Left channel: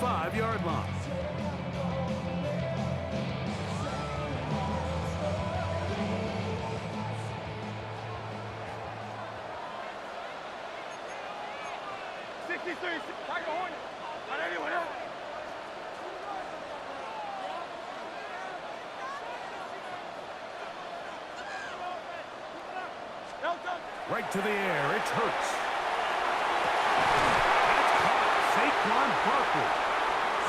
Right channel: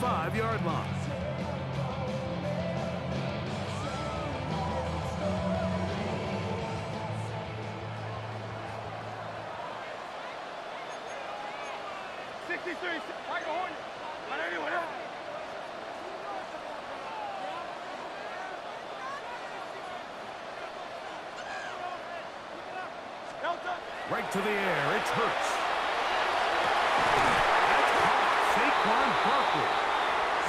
25-yard line. Right to the air, it's Hurts. That's caught, Saquon Barkley.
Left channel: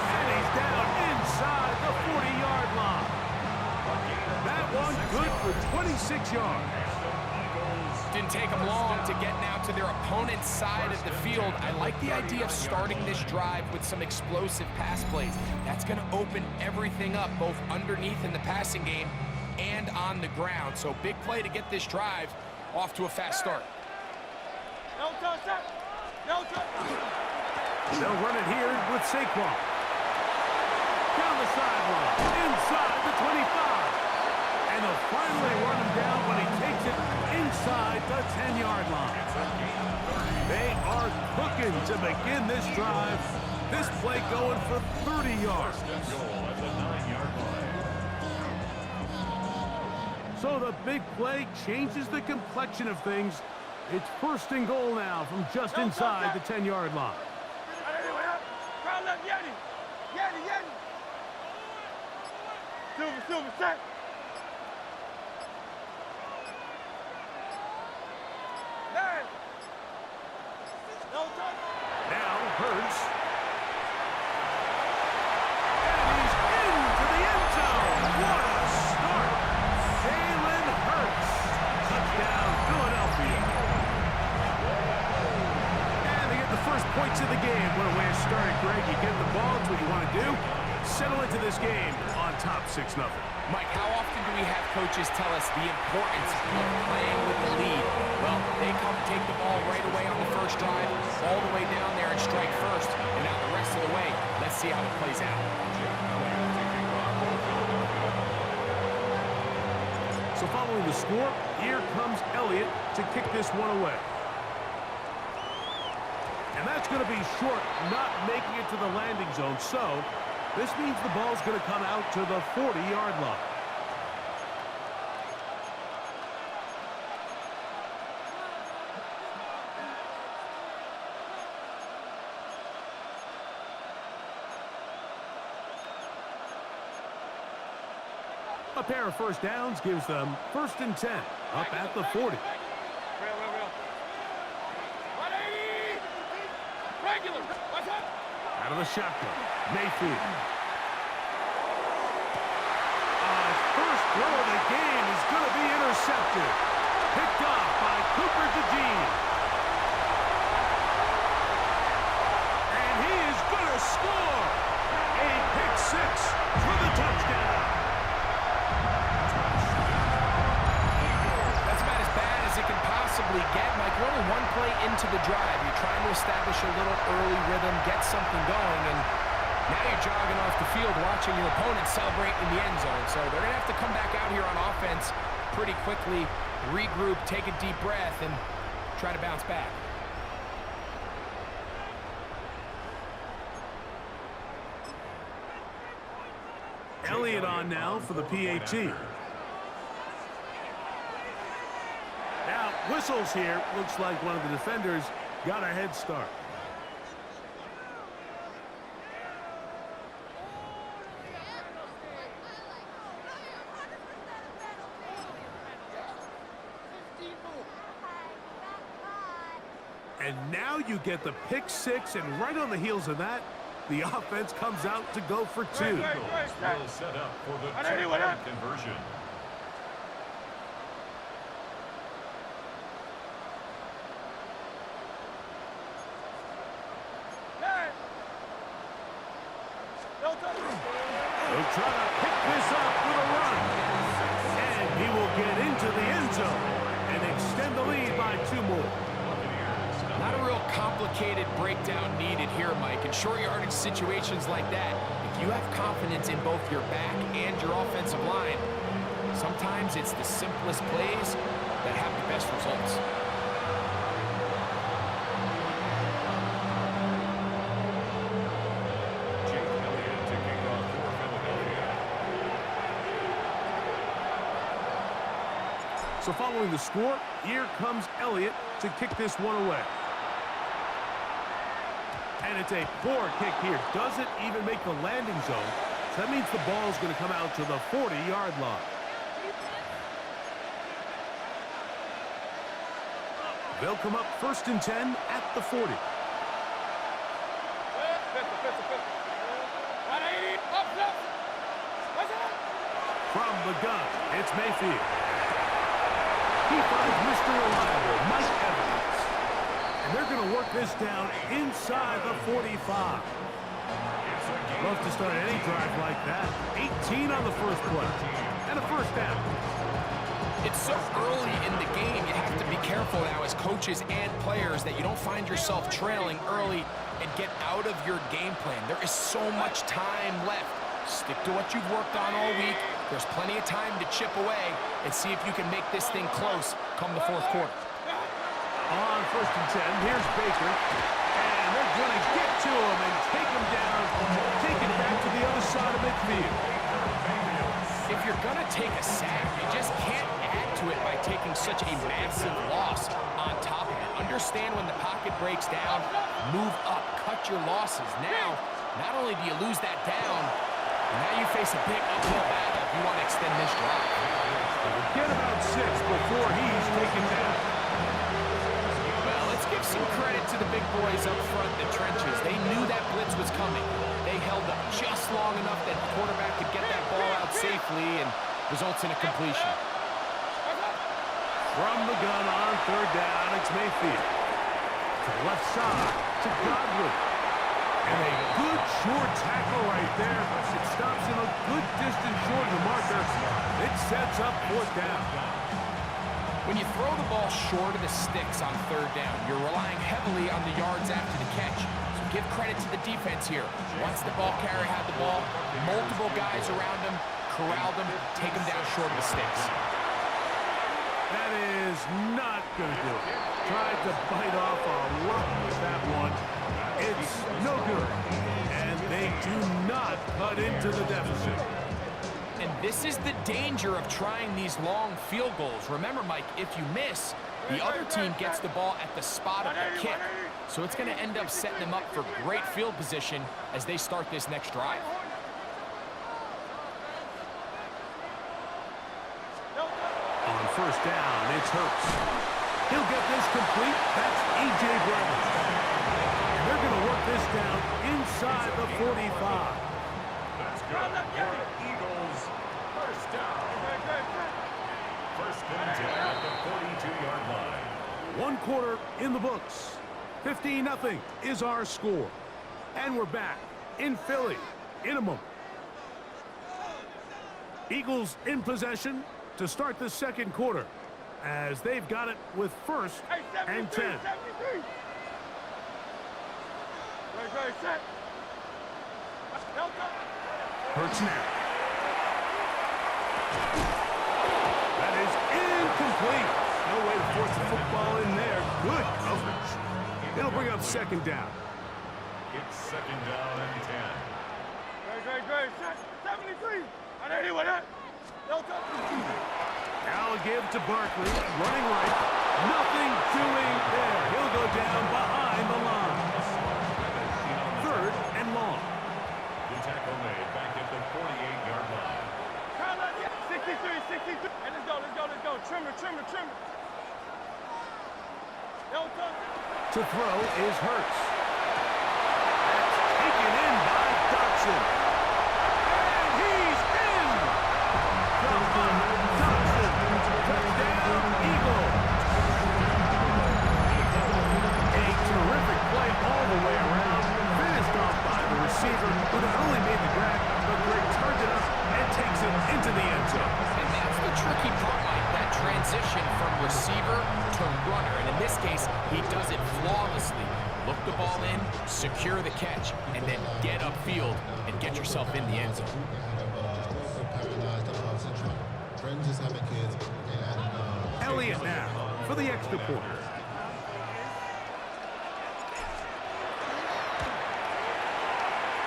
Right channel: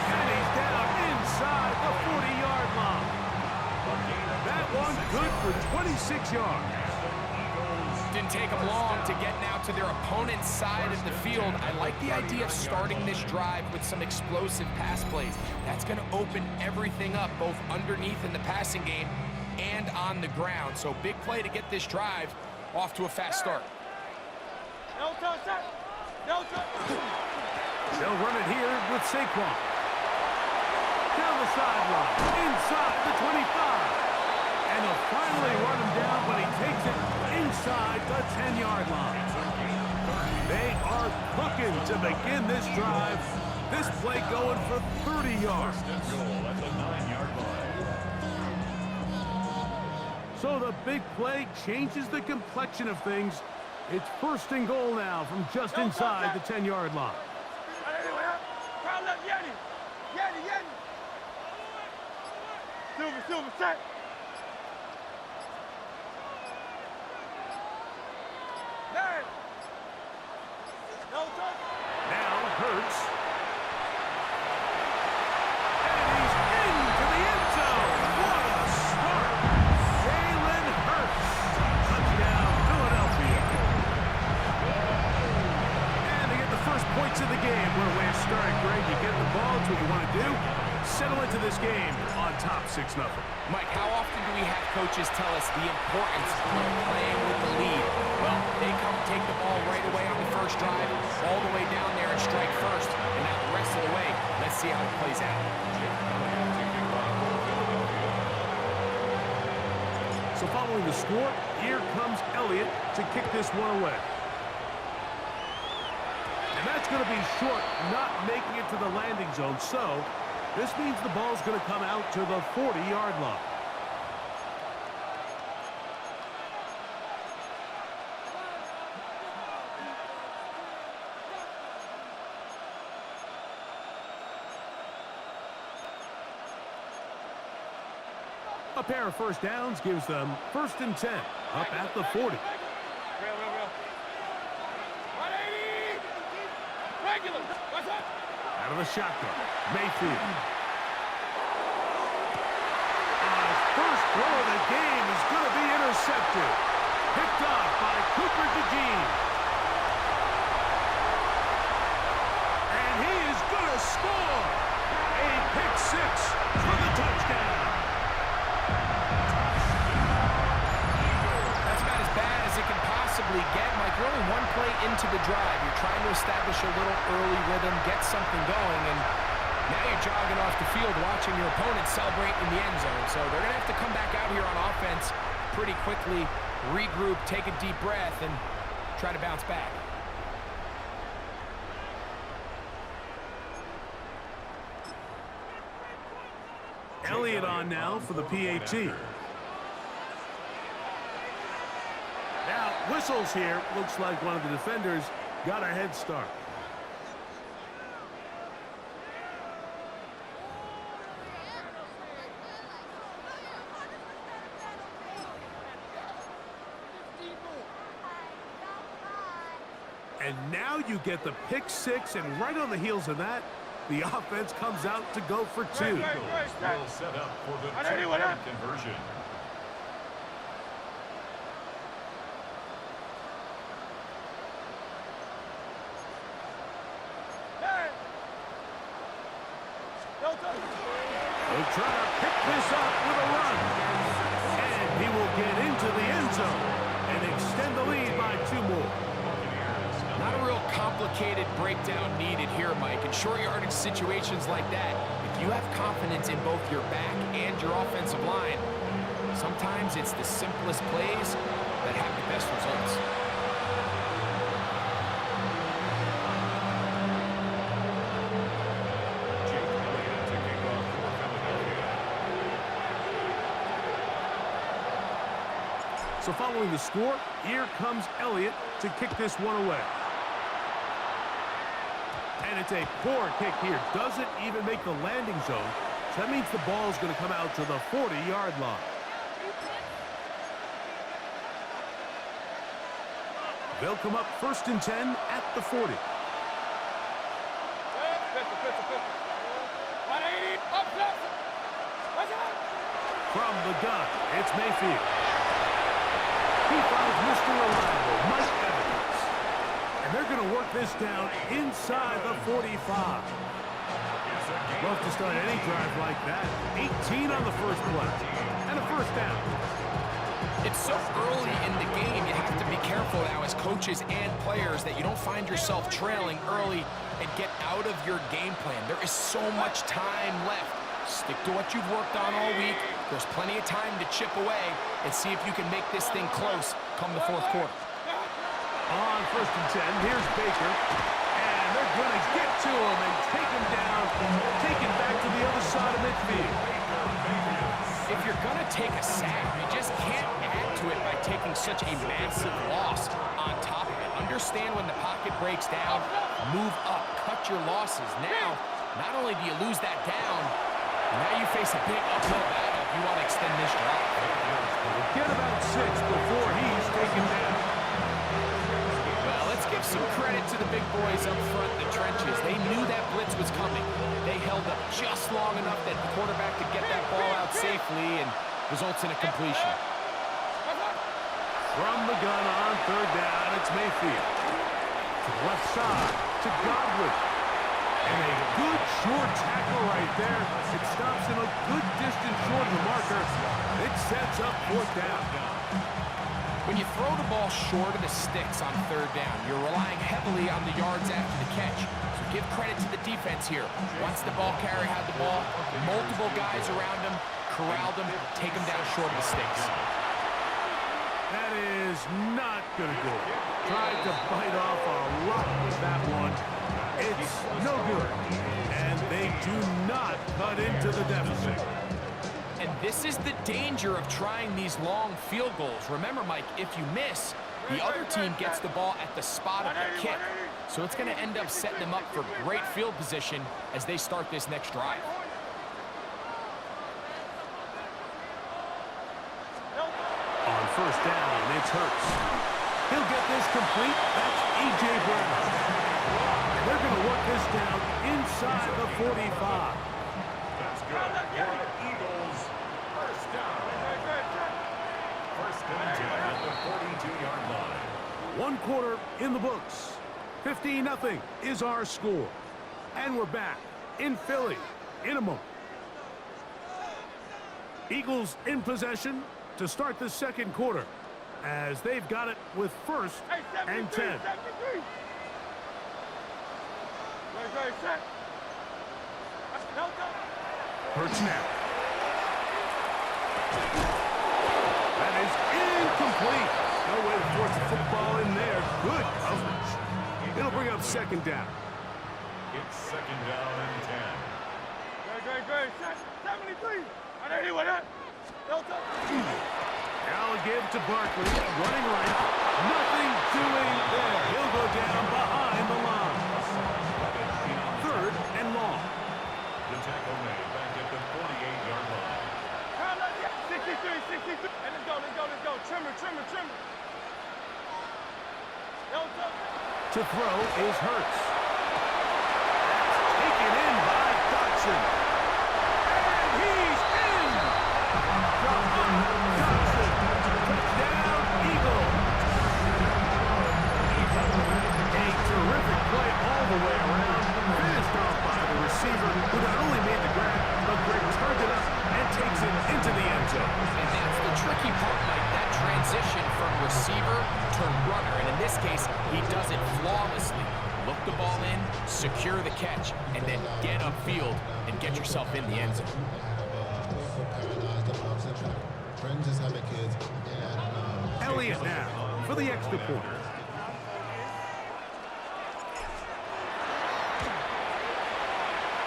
And he's down inside the 40-yard line. That one good for 26 yards. Didn't take them long to get now to their opponent's side of the field. I like the idea of starting this drive with some explosive pass plays. That's going to open everything up, both underneath in the passing game and on the ground. So big play to get this drive off to a fast start. They'll run it here with Saquon. Down the sideline, inside the 25. And they'll finally run him down when he takes it inside the 10-yard line. They are cooking to begin this drive. This play going for 30 yards. So the big play changes the complexion of things. It's first and goal now from just inside the 10-yard line. Silver, set. Now Hurts. And he's into the end zone. What a start. Jalen Hurts. Touchdown, Philadelphia. And they get the first points of the game. What a way to start it, Greg. You get the ball. It's what you want to do. Settle into this game on top 6-0. Mike, how often do we have coaches tell us the importance of playing with the lead? Well, they come take the ball right away on the first drive, all the way down there and strike first, and now the rest of the way. Let's see how it plays out. So following the score, here comes Elliott to kick this one away. And that's going to be short, not making it to the landing zone. So this means the ball's going to come out to the 40-yard line. A pair of first downs gives them 1st and 10, up at the 40. Out of the shotgun, Mayfield. His first throw of the game is going to be intercepted. Picked off by Cooper DeJean. And he is going to score. A pick six for the touchdown. That's about as bad as it can possibly get, Mike. You're only one play into the drive. You're trying to establish a little early rhythm, get something going, and now you're jogging off the field watching your opponent celebrate in the end zone. So they're going to have to come back out here on offense pretty quickly, regroup, take a deep breath, and try to bounce back. Elliott on now for the PAT. Now, whistles here. Looks like one of the defenders got a head start. And now you get the pick six, and right on the heels of that, the offense comes out to go for two. Will set up for the two-point conversion. They'll try to pick this up with a run. And he will get into the end zone and extend the lead by 2 more. Not a real complicated breakdown needed here, Mike. In short yardage situations like that, if you have confidence in both your back and your offensive line, sometimes it's the simplest plays that have the best results. So following the score, here comes Elliott to kick this one away. And it's a poor kick here. Doesn't even make the landing zone. So that means the ball's going to come out to the 40-yard line. They'll come up 1st and 10 at the 40. From the gun, it's Mayfield. He finds Mr. Reliable, Mike Evans. And they're going to work this down inside the 45. Love to start any drive like that. 18 on the first play. And a first down. It's so early in the game, you have to be careful now as coaches and players that you don't find yourself trailing early and get out of your game plan. There is so much time left. Stick to what you've worked on all week. There's plenty of time to chip away and see if you can make this thing close come the fourth quarter. On 1st and 10, here's Baker. And they're going to get to him and take him down, take it back to the other side of midfield. If you're going to take a sack, you just can't add to it by taking such a massive loss on top of it. Understand when the pocket breaks down, move up, cut your losses. Now, not only do you lose that down, now you face a big uphill battle if you want to extend this drive. We'll get about 6 before he's taken down. Well, let's give some credit to the big boys up front in the trenches. They knew that blitz was coming. They held up just long enough that the quarterback could get that ball out safely and results in a completion. From the gun on 3rd down, it's Mayfield. To the left side, to Godwin. And a good short tackle right there. It stops him a good distance short of the marker. It sets up 4th down. When you throw the ball short of the sticks on 3rd down, you're relying heavily on the yards after the catch. So give credit to the defense here. Once the ball carrier had the ball, multiple guys around him, corralled him, take him down short of the sticks. That is not going to do it. Tried to bite off a lot with that one. It's no good. And they do not cut into the deficit. And this is the danger of trying these long field goals. Remember, Mike, if you miss, the other team gets the ball at the spot of the kick. So it's going to end up setting them up for great field position as they start this next drive. On 1st down, it's Hurts. He'll get this complete. That's A.J. Brown. And they're going to work this down inside the 45. That's good for Eagles. First down. 1st and 10 at the 42-yard line. 1 quarter in the books. 15-0 is our score. And we're back in Philly in a moment. Eagles in possession to start the 2nd quarter as they've got it with 1st and 10. Hurts now. That is incomplete. No way to force the football in there. Good coverage. It'll bring up 2nd down. It's 2nd down and 10. Great. 73. Now a give to Barkley, running right. Nothing doing there. He'll go down behind the line. 3rd and long. The tackle made back at the 48-yard line. 63. And let's go. Trimmer. To throw is Hurts. That's taken in by Dotson. And he's in! Dotson. Touchdown, Eagles. A terrific play all the way around. Finished off by the receiver, who not only made the grab, but Greg turned it up and takes it into the end zone. And that's the tricky part, Mike, that transition from receiver to runner. And in this case, he does it flawlessly. Look the ball in, secure the catch, and then get upfield and get yourself in the end zone. Elliott now for the extra point.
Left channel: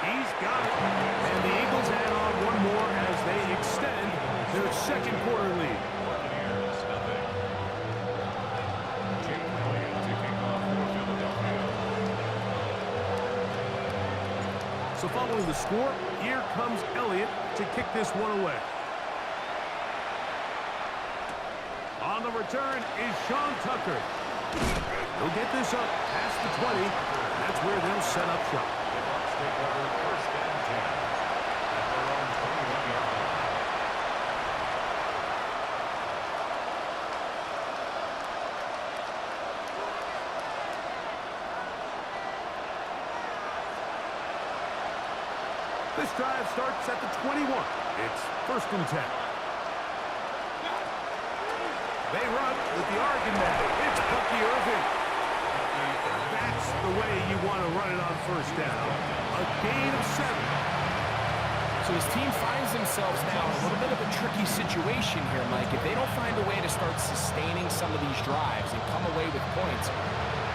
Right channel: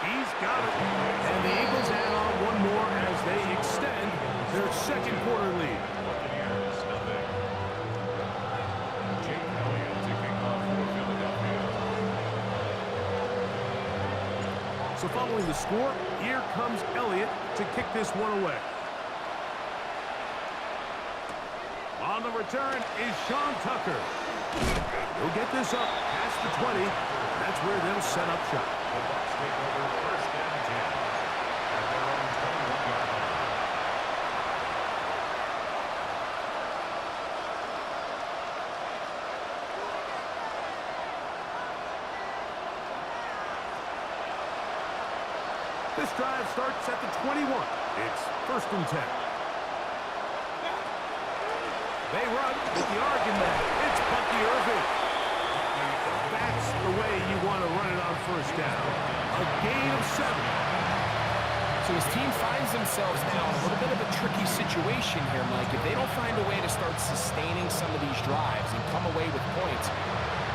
He's got it. And the Eagles add on one more as they extend their 2nd quarter lead. Buccaneers, 0. So following the score, here comes Elliott to kick this one away. On the return is Sean Tucker. He'll get this up past the 20. That's where they'll set up shop. The Bucs take over first and 10 at their own 21-yard line. This drive starts at the 21. It's first and 10. They run with the argument. It's Bucky Irving. That's the way you want to run it on first down. A gain of 7. So his team finds themselves now in a little bit of a tricky situation here, Mike. If they don't find a way to start sustaining some of these drives and come away with points,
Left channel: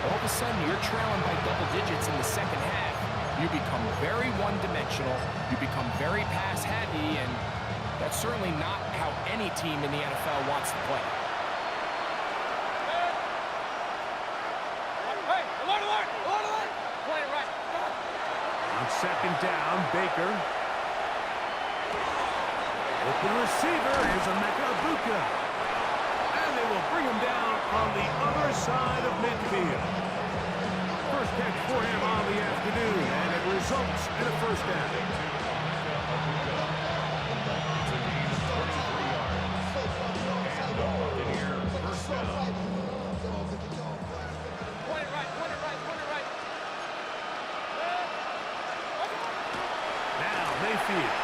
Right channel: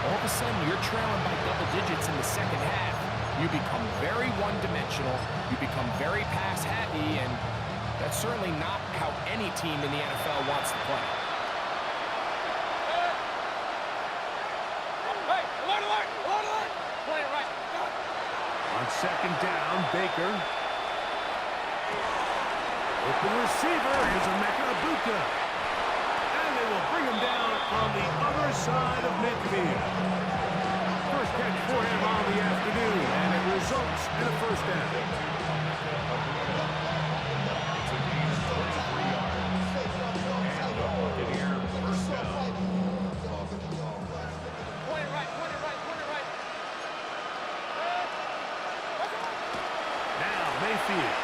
all of a sudden you're trailing by double digits in the second half. You become very one-dimensional, you become very pass-happy, and that's certainly not how any team in the NFL wants to play. Hey, alert! Play it right. On second down, Baker. Open receiver is Emeka Egbuka. And they will bring him down on the other side of midfield. First catch for him on the afternoon, and it results in a first down. It's a gain of 23 yards. And the Buccaneer first down. Point it right. Now Mayfield.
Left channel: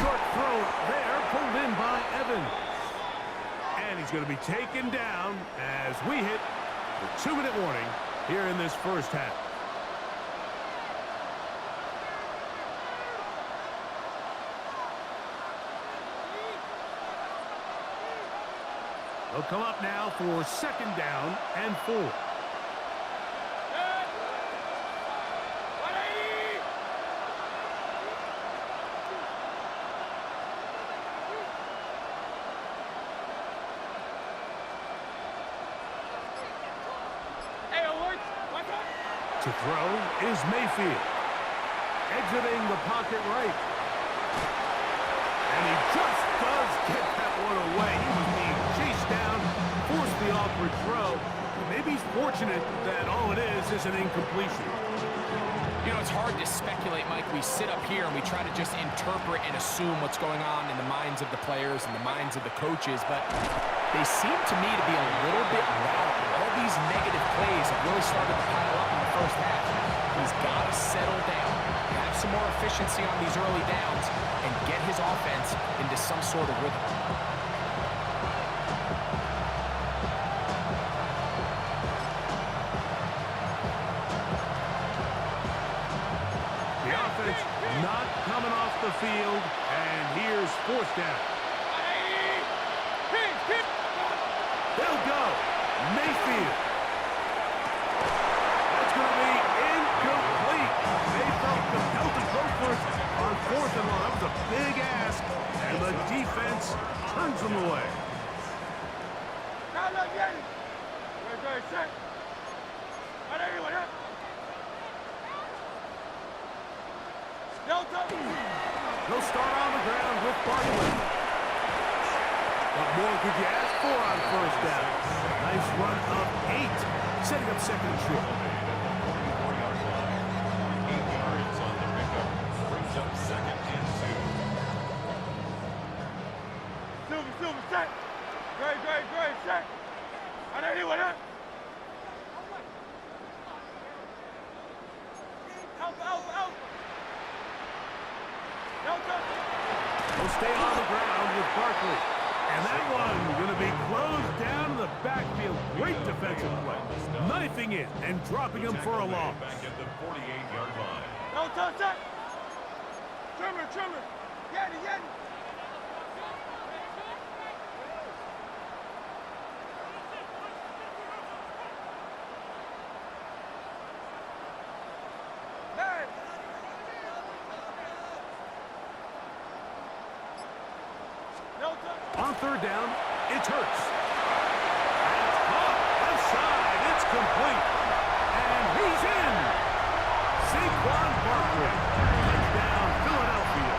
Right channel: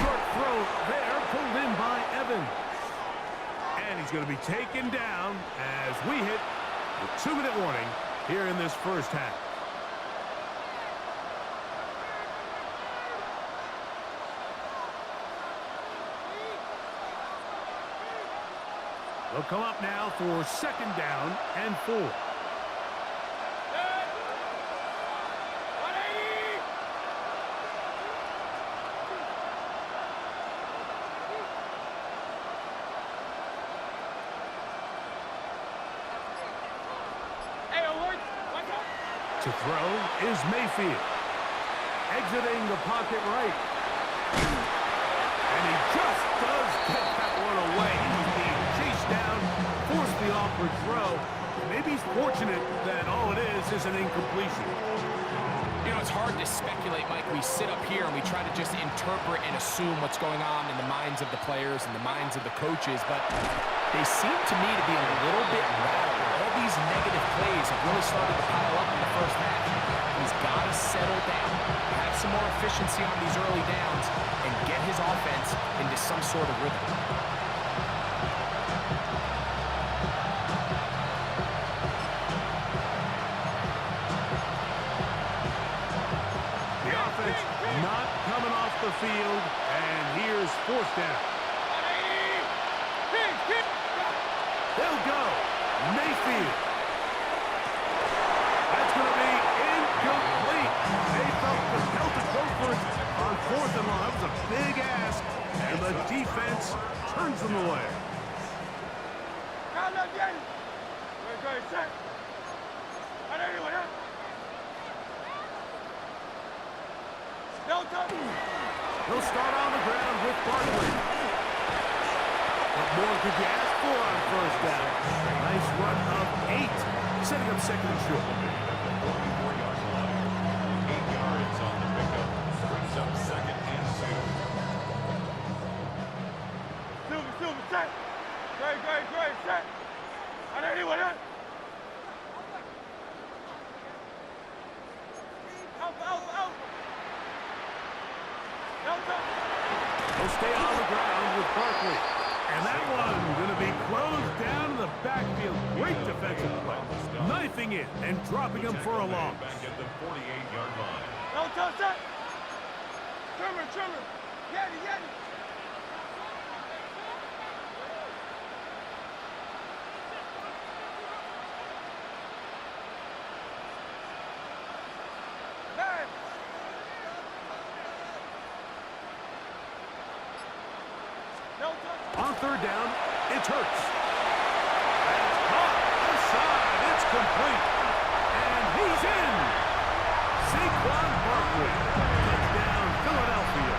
Short throw there, pulled in by Evans. And he's going to be taken down as we hit the 2-minute warning here in this first half. They'll come up now for second down and 4. 180! Hey, alert! What's up? To throw is Mayfield. Exiting the pocket right. And he just does get that one away. He was being chased down, forced the awkward throw. Maybe he's fortunate that all it is an incompletion. You know, it's hard to speculate, Mike. We sit up here and we try to just interpret and assume what's going on in the minds of the players and the minds of the coaches, but they seem to me to be a little bit rattled. All these negative plays have really started to pile up in the first half. He's got to settle down, have some more efficiency on these early downs, and get his offense into some sort of rhythm. The offense not coming off the field, and here's fourth down. 180! They'll go. Mayfield. That's going to be incomplete. They felt compelled to go for it on fourth and long. That was a big ask, and the defense turns them away. Now let's get it! Great, set! 180, what up? Delta! They'll start on the ground with Barkley. What more could you ask for on first down? Nice run of 8, setting up second and short. At the 44-yard line. 8 yards on the pickup. Brings up second and 2. Silver, set! Great, set! 180, what up? Alpha! Delta! They'll stay on the ground with Barkley. And that one going to be closed down in the backfield. Great defensive play. Knifing it and dropping him for a loss. Back at the 48-yard line. Delta, set! Trimmer! Yeti! Man! Delta! On third down, it's Hurts. And it's caught. Left side, it's complete. And in. Saquon Barkley. Touchdown, Philadelphia.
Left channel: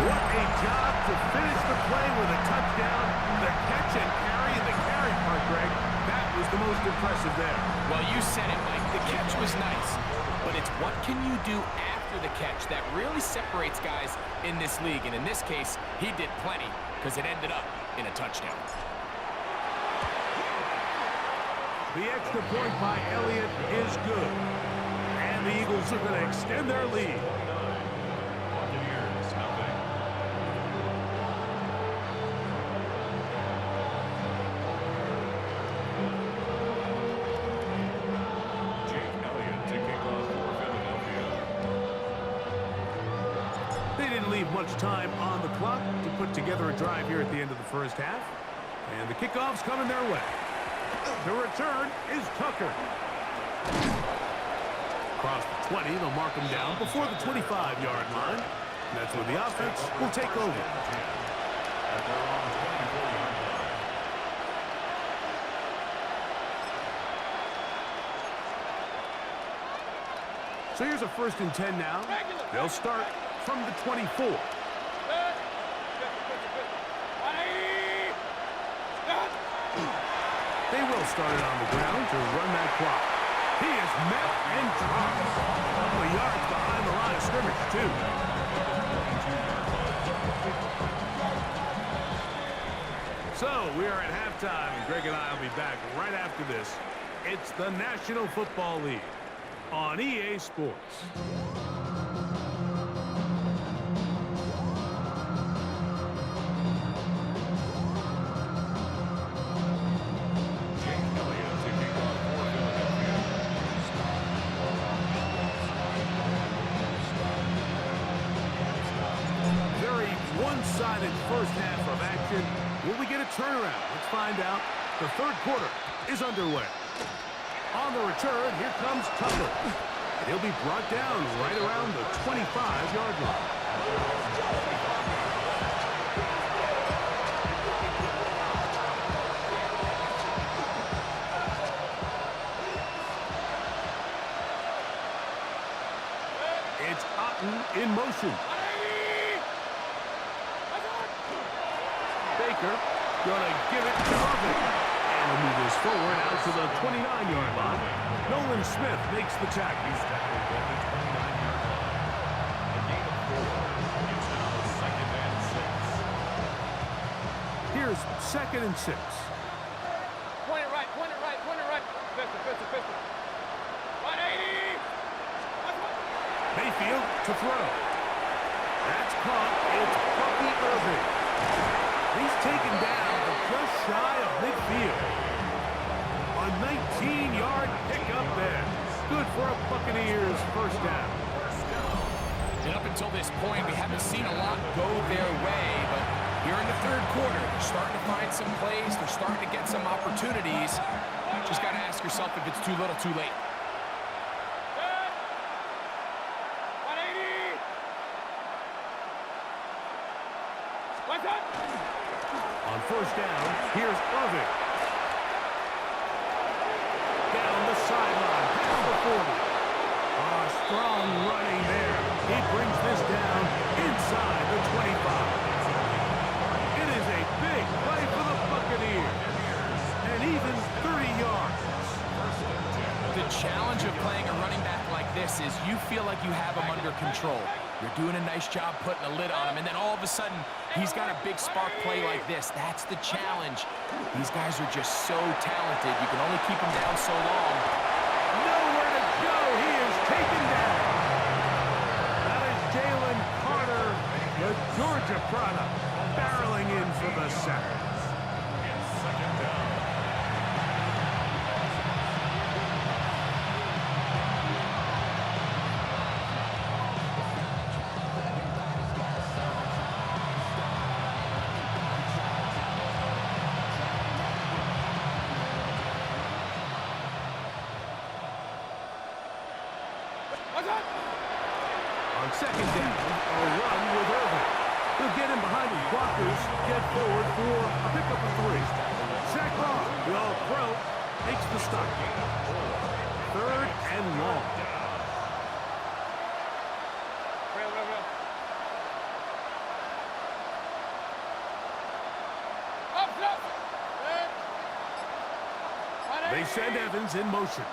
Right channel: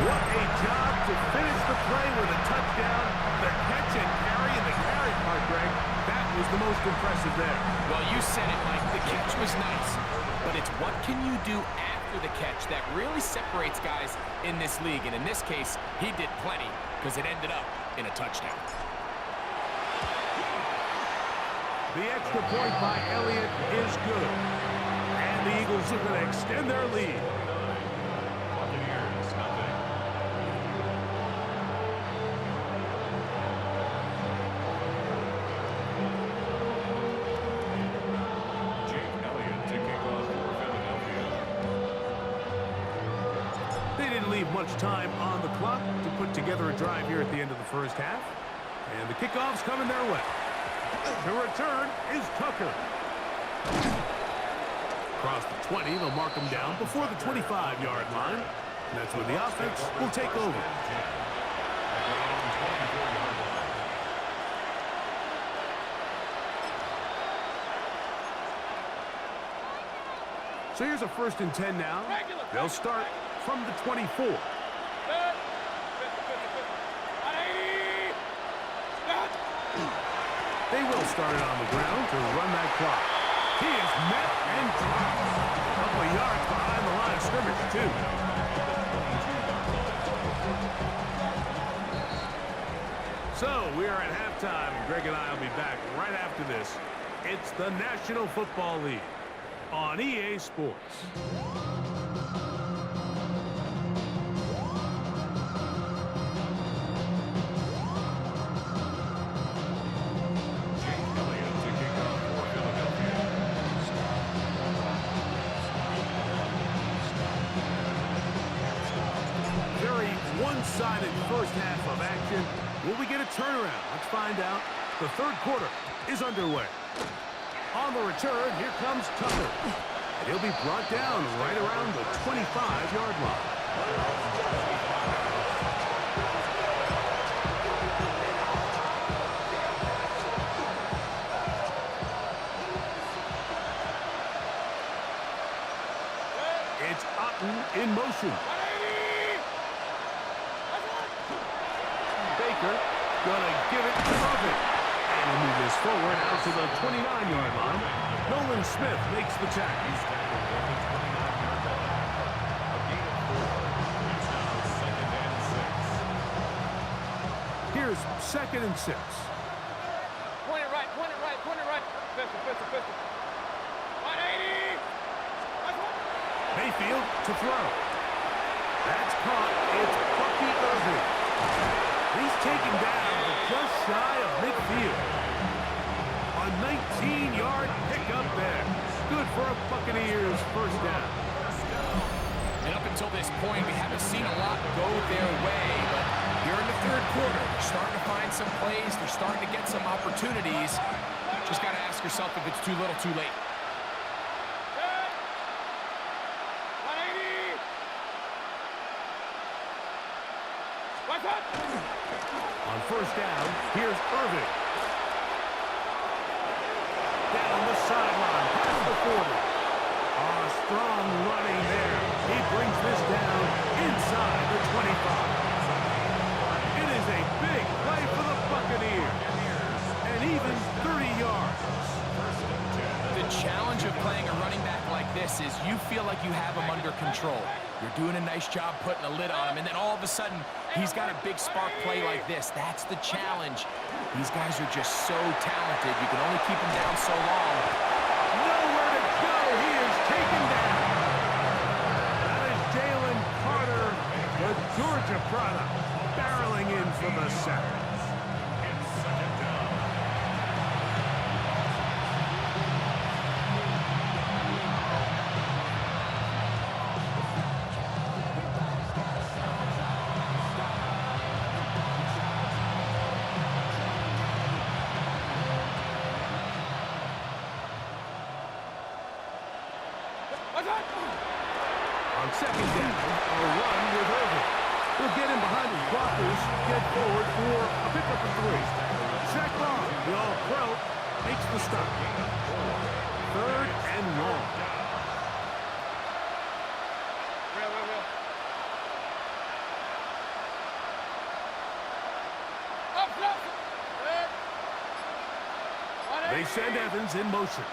What a job to finish the play with a touchdown. The catch and carry, and the carry part, Greg, that was the most impressive there. Well, you said it, Mike. The catch was nice, but it's what can you do after the catch that really separates guys in this league. And in this case, he did plenty because it ended up in a touchdown. The extra point by Elliott is good. And the Eagles are going to extend their lead. Buccaneers, nothing. Jake Elliott to kick off for Philadelphia. They didn't leave much time on the clock to put together a drive here at the end of the first half. And the kickoff's coming their way. The return is Tucker. Across the 20, they'll mark him down before the 25-yard line. And that's when the offense will take over. At their own 24-yard line. So here's a 1st and 10 now. They'll start from the 24. Good. Pistol. 180. Stop. They will start it on the ground to run that clock. He is met and dropped. A couple of yards behind the line of scrimmage, too. So we are at halftime, and Greg and I will be back right after this. It's the National Football League on EA Sports. Jake Elliott to kick off for Philadelphia. Very one-sided first half of action. Will we get a turnaround? Let's find out. The third quarter is underway. On the return, here comes Tucker. And he'll be brought down right around the 25-yard line. It's Otten in motion. 180. That's it. Baker gonna give it to Irving. And he'll move this forward out to the 29-yard line. Nolan Smith makes the tackle. He's tackled at the 29-yard line. A gain of 4. It's now 2nd and 6. Here's 2nd and 6. Point it right. Pistol. 180. That's one. Mayfield to throw. That's caught. It's Bucky Irving. He's taken down but just shy of midfield. A 19-yard pickup there. Good for a Buccaneers first down. And up until this point, we haven't seen a lot go their way, but here in the third quarter, they're starting to find some plays. They're starting to get some opportunities. Just got to ask yourself if it's too little, too late. Good. 180. What's up? On first down, here's Irving. Down the sideline, past the 40. Strong running there. He brings this down inside the 25. It is a big play for the Buccaneers. And even 30 yards. The challenge of playing a running back like this is you feel like you have him under control. You're doing a nice job putting a lid on him, and then all of a sudden, he's got a big spark play like this. That's the challenge. These guys are just so talented. You can only keep them down so long. Nowhere to go. He is taken down. That is Jalen Carter, the Georgia product, barreling in for the sack. It's 2nd down. What's up? On second down, a run with Irving. He'll get him behind his blockers, get forward for a pickup of 3. Zach Bond, the All-Pro, makes the stop. Gain of 4. 3rd and long. Real. Up. They send Evans in motion.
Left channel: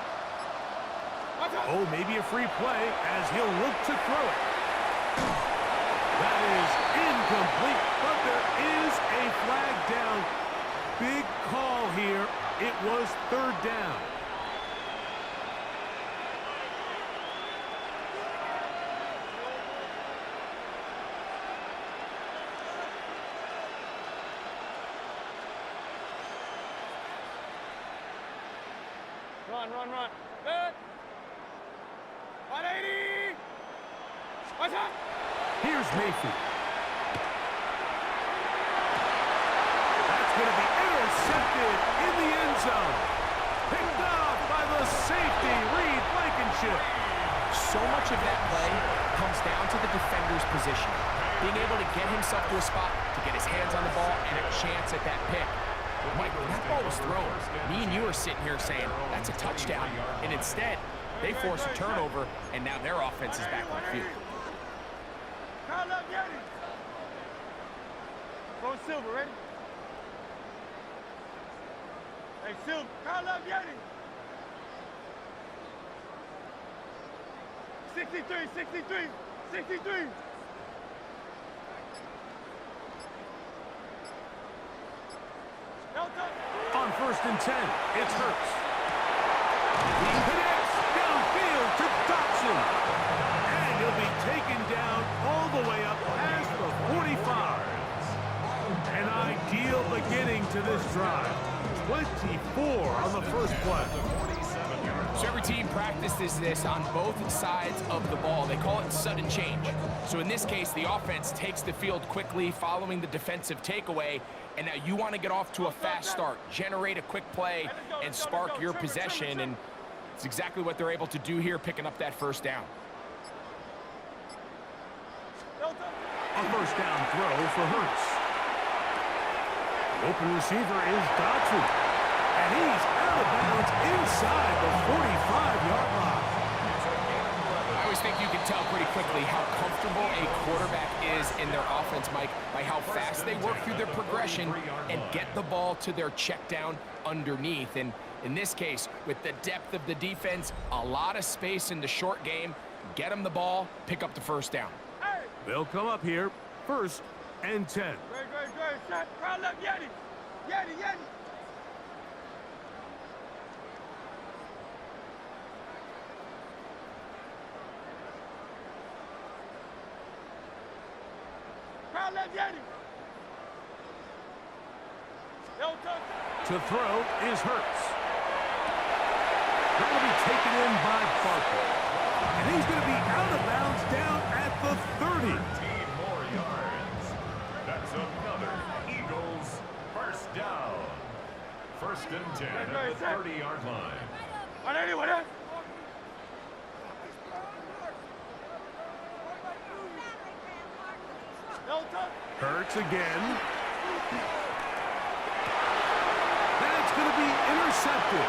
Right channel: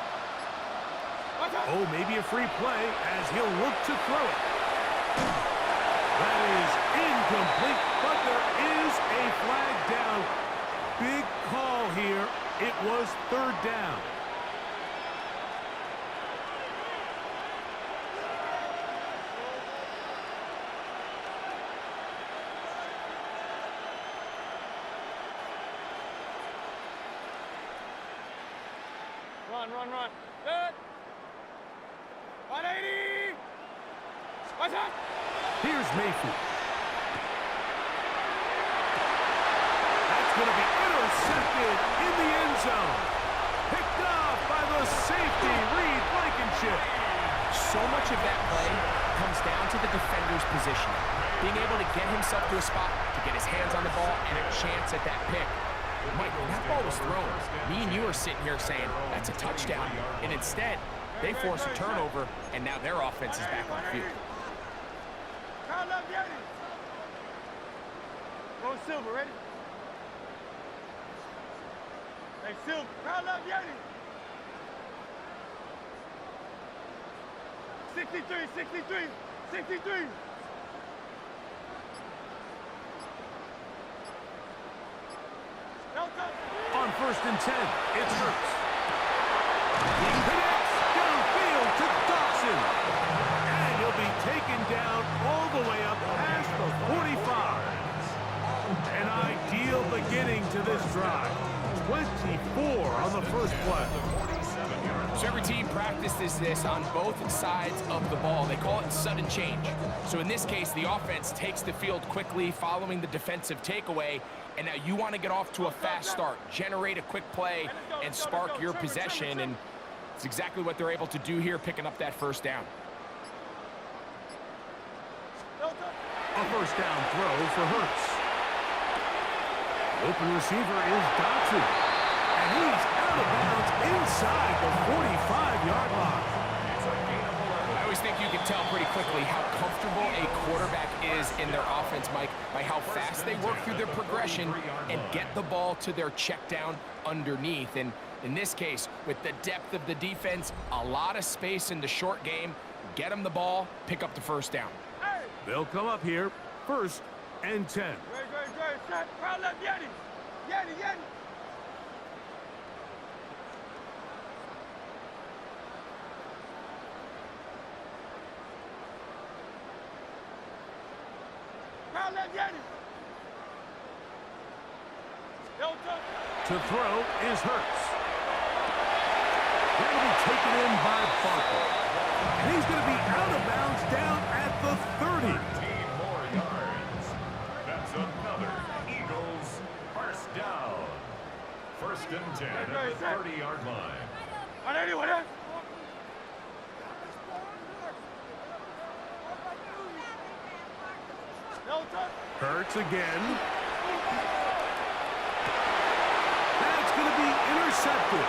Oh, maybe a free play as he'll look to throw it. That is incomplete, but there is a flag down. Big call here. It was 3rd down. Run. Good. 180. Watch out. Here's Mayfield. That's going to be intercepted in the end zone. Picked off by the safety, Reed Blankenship. So much of that play comes down to the defender's positioning. Being able to get himself to a spot, to get his hands on the ball, and a chance at that pick. Mike, when that ball was thrown, me and you are sitting here saying, that's a touchdown. And instead, they force a turnover, and now their offense is back on the field. Kyle up, Yeti. Go Silver, ready? Hey, Silver. Kyle up, Yeti. 63. Delta. On 1st and 10, it's Hurts. He connects downfield to Dawson. And he'll be taken down all the way up past the 45. An ideal beginning to this drive. 24 on the first play. So every team practices this on both sides of the ball. They call it sudden change. So in this case, the offense takes the field quickly following the defensive takeaway, and now you want to get off to a fast start, generate a quick play, and spark your possession, and it's exactly what they're able to do here, picking up that 1st down. A 1st down throw for Hurts. The open receiver is Dodson. And he's out of bounds inside the 45-yard line. I always think you can tell pretty quickly how comfortable a quarterback is in their offense, Mike, by how fast they work through their progression and get the ball to their check down underneath. And in this case, with the depth of the defense, a lot of space in the short game, get them the ball, pick up the 1st down. They'll come up here, 1st and 10. Great. Set. Crowd left, Yeti. Crowd left, Yeti. To throw is Hurts. That'll be taken in by Barkley. And he's going to be out of bounds down at the 30. 13 more yards. That's another Eagles 1st down. 1st and 10 at the 30-yard line. 180. Hurts again. That's going to be intercepted.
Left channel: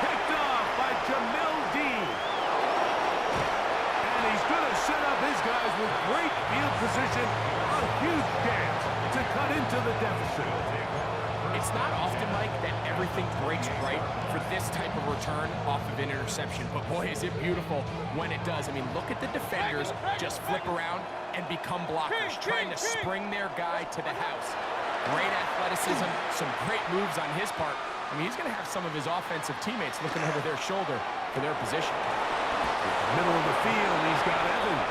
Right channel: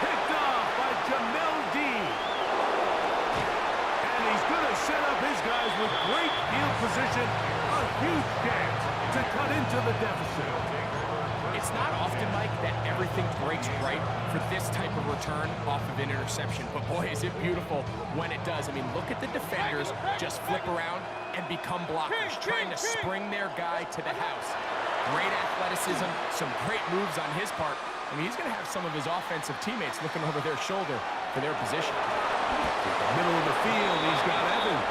Picked off by Jamel Dean. And he's going to set up his guys with great field position. A huge chance to cut into the deficit. It's not often, Mike, that everything breaks right for this type of return off of an interception. But boy, is it beautiful when it does. I mean, look at the defenders just flip around and become blockers, trying to spring their guy to the house. Great athleticism, some great moves on his part. I mean, he's going to have some of his offensive teammates looking over their shoulder for their position. Middle of the field, he's got Evans.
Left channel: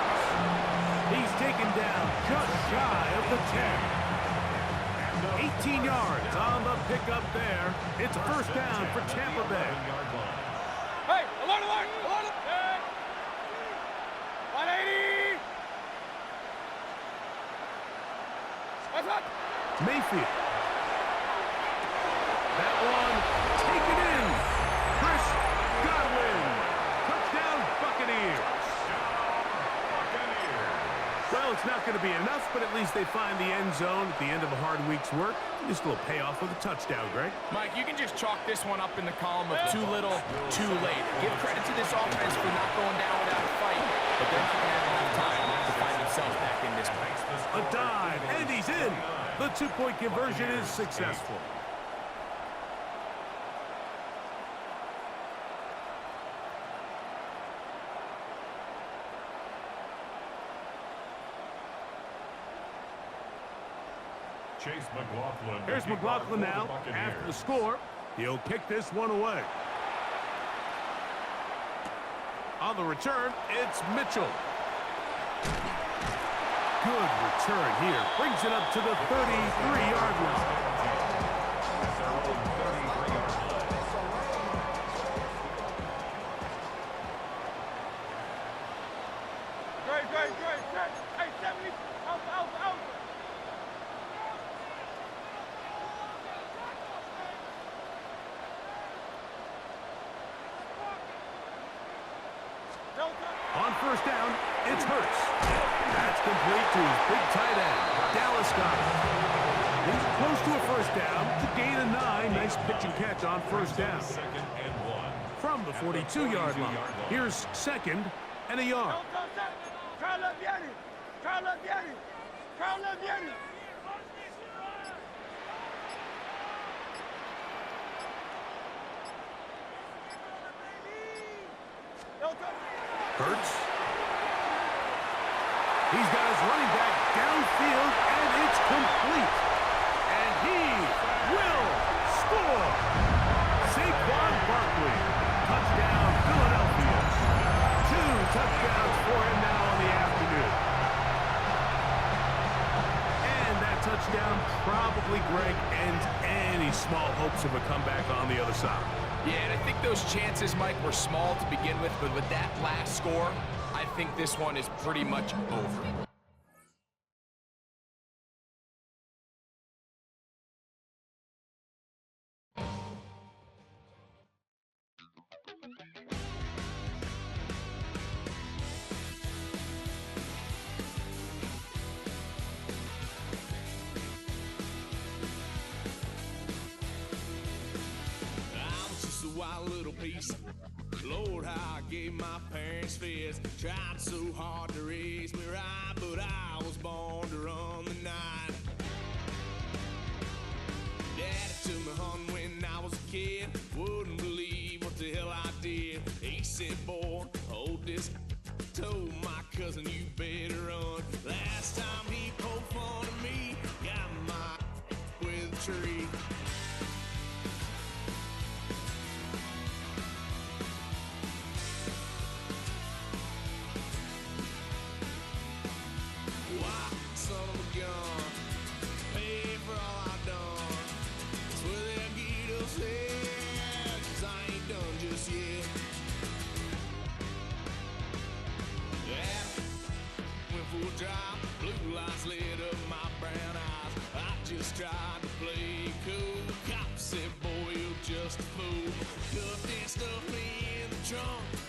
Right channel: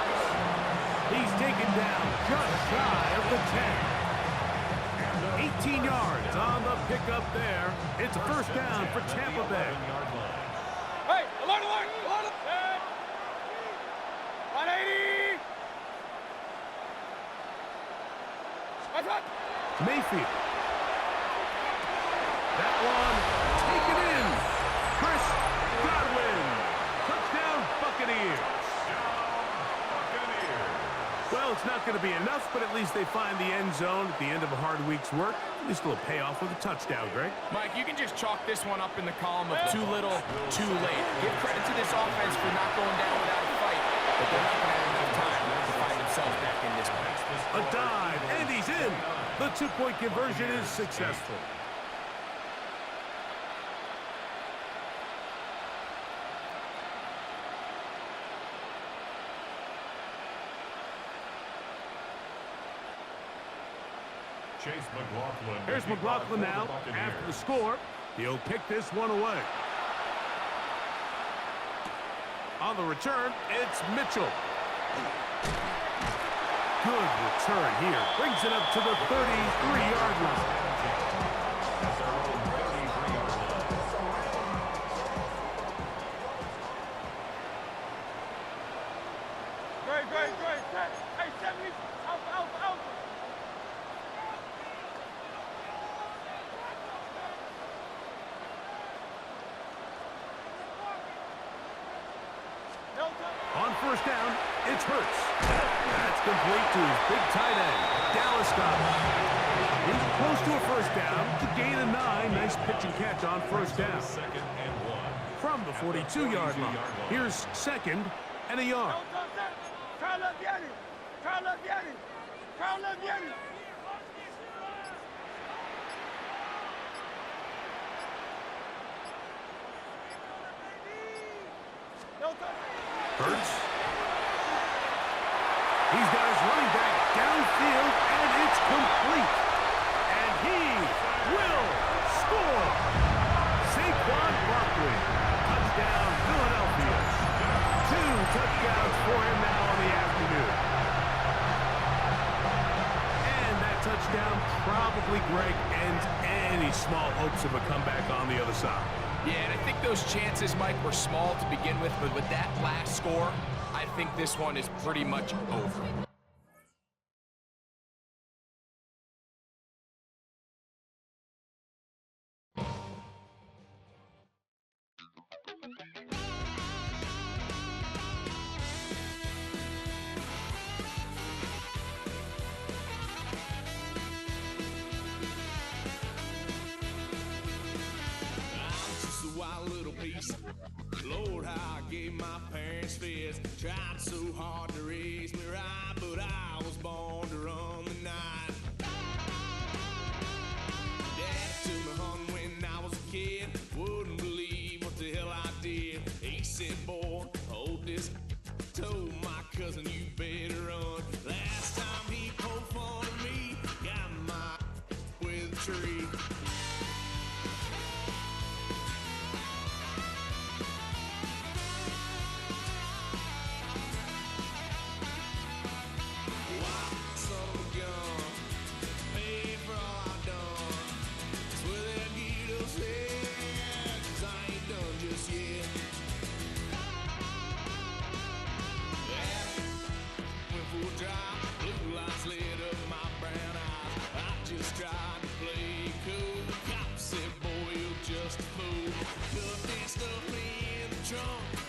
He's taken down just shy of the 10. 18 yards on the pickup there. It's a 1st down for Tampa Bay. Hey, alert. 180. What's up? Mayfield. That one taken in. Chris Godwin. Touchdown Buccaneers. Buccaneers. Well, it's not going to be enough, but at least they find the end zone at the end of a hard week's work. Just a little payoff with a touchdown, Greg. Mike, you can just chalk this one up in the column of too little, too late. Give credit to this offense for not going down without a fight, but they're not going to have enough time to find themselves back in this one. A dive, and he's in. The two-point conversion is successful. Chase McLaughlin. Here's McLaughlin now after the score. He'll kick this one away. On the return, it's Mitchell. Good return here. Brings it up to the 33-yard line. At their own 33-yard line. Great. Set. Hey, 70. Alpha. On first down, it's Hurts. That's complete to his big tight end, Dallas Goedert. He's close to a first down to gain a 9. Nice pitch and catch on first down. Second and 1. From the 42-yard line, here's second and a yard. Carla Vianney. Hurts. He's got his running back downfield, and it's complete. And he will score. Saquon Barkley. Touchdown, Philadelphia. 2 touchdowns for him now on the afternoon. And that touchdown probably, Greg, ends any small hopes of a comeback on the other side. Yeah, and I think those chances, Mike, were small to begin with, but with that last score, I think this one is pretty much over. Wild little piece. Lord, how I gave my parents fist. Tried so hard to raise me right, but I was born to run the night. Daddy took me hunting when I was a kid. Wouldn't believe what the hell I did. He said, boy, hold this. Told my cousin, you better run. Last time he poked fun at me, got my with a tree. Blue lights lit up my brown eyes. I just tried to play cool. Cop said, boy, you're just a fool. Cuffed and stuffed me in the trunk.